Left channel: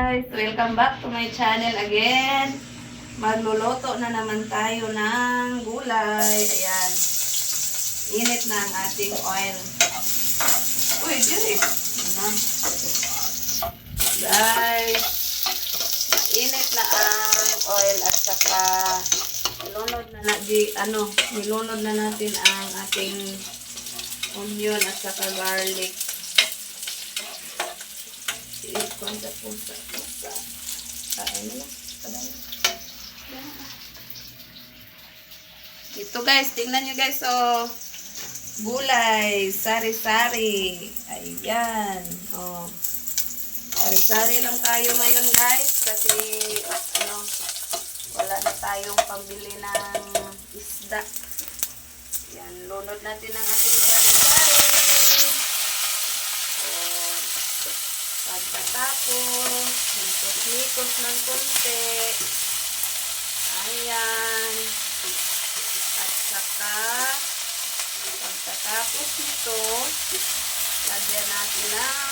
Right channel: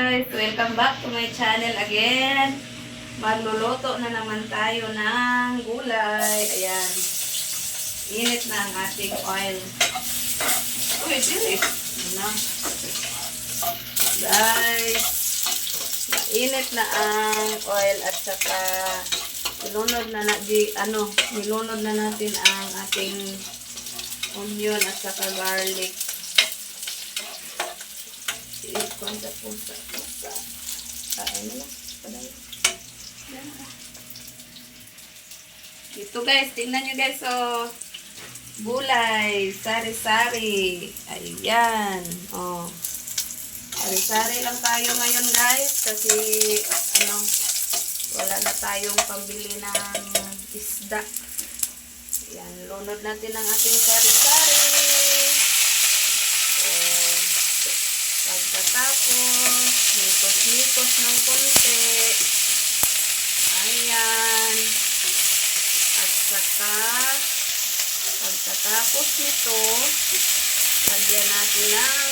guys! Welcome back to my channel again. Magluluto na naman tayo ng gulay. Ayan. Init na ang ating oil. Uy, dirit. Ano? Guys, init na ang oil at saka nilunod na natin ang ating onion at saka garlic. Konta pusa. Kain na lang. Ito guys, tingnan nyo guys, oh. Gulay, sari-sari. Ayan, oh. Sari-sari lang tayo ngayon guys, kasi wala na tayong pambili ng isda. Ayan, lunod natin ang ating sari-sari. Pagkatapos, mikos-mikos ng konti. Ayan. At saka, pagkatapos nito, lagyan natin ng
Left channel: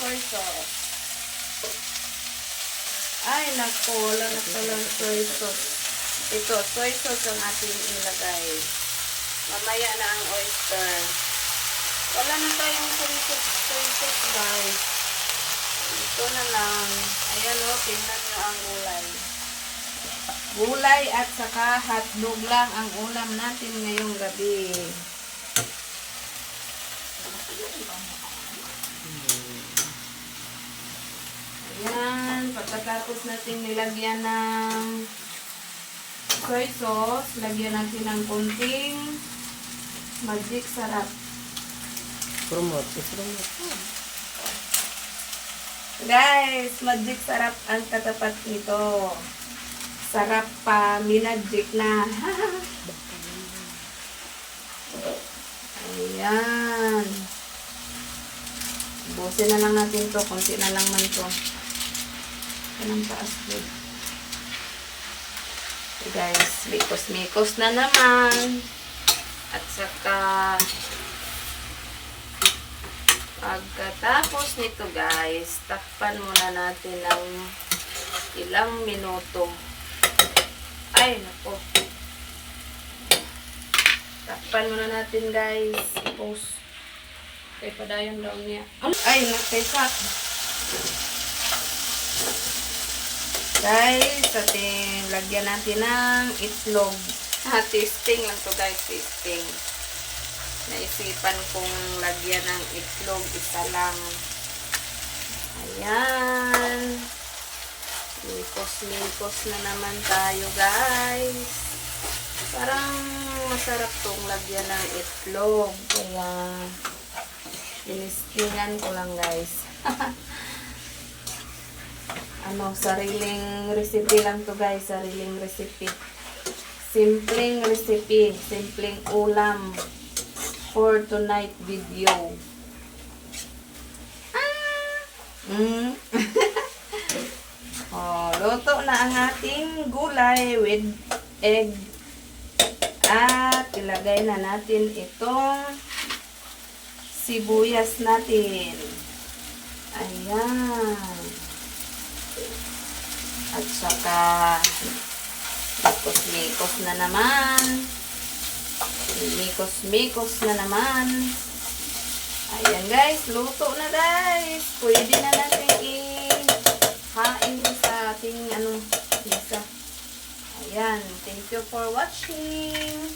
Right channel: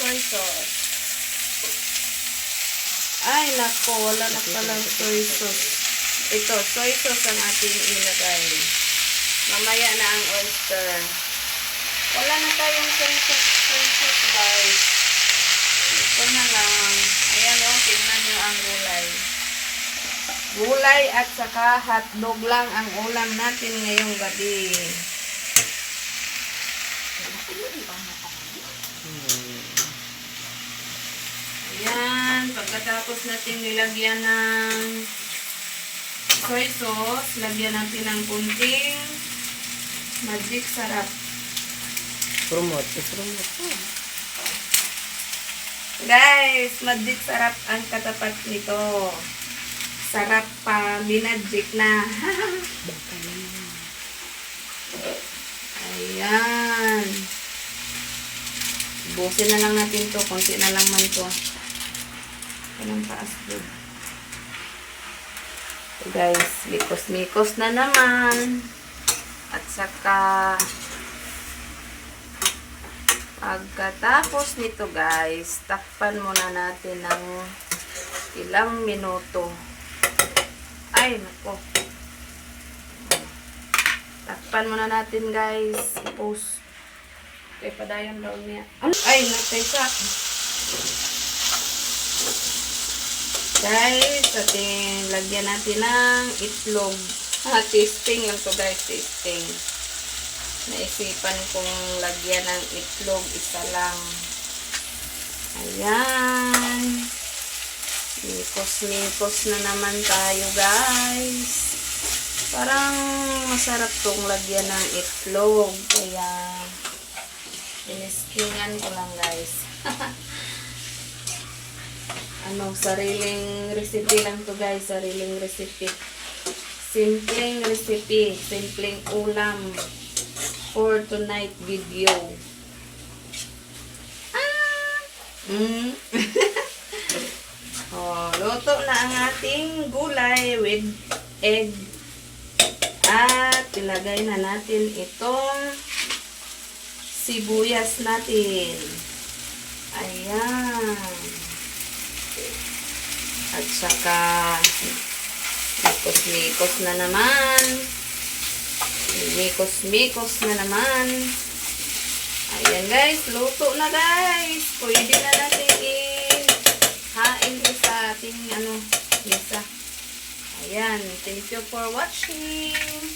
soy sauce. Ay, nako, wala na palang soy sauce. Ito, soy sauce ang ating ilagay. Mamaya na ang oyster. Wala na tayong soy sauce guys. Ito na lang. Ayan o, tingnan nyo ang gulay. Gulay at saka hotdog lang ang ulam natin ngayong gabi. Ayan, pagkatapos natin nilagyan ng soy sauce, lagyan natin ng kunting magic sarap. Promote. Guys, magic sarap ang katapat nito. Sarap pa, minagic na. Ayan. Busin na lang natin to, konti na lang man to. Anong taas to? Guys, mikos-mikos na naman. At saka pagkatapos nito guys, takpan muna natin ng ilang minuto. Ay, nako. Takpan muna natin guys. I-post. Okay, padayon daw niya. Ay, nakaisak. Guys, ating lagyan natin ng itlog. Tasting lang to guys, tasting. Naisipan kong lagyan ng itlog, isa lang. Ayan. Mikos-mikos na naman tayo guys. Parang masarap tong lagyan ng itlog. Kaya iniskingan ko lang guys. Sariling recipe lang to guys. Sariling recipe. Simpleng recipe. Simpleng ulam. For tonight video. Luto na ang ating gulay with egg. At ilagay na natin itong sibuyas natin. Ayan. At saka mikos-mikos na naman. Mikos-mikos na naman. Ayan guys, luto na guys. Pwede na natin i-hain sa ating mesa. Ayan, thank you for watching.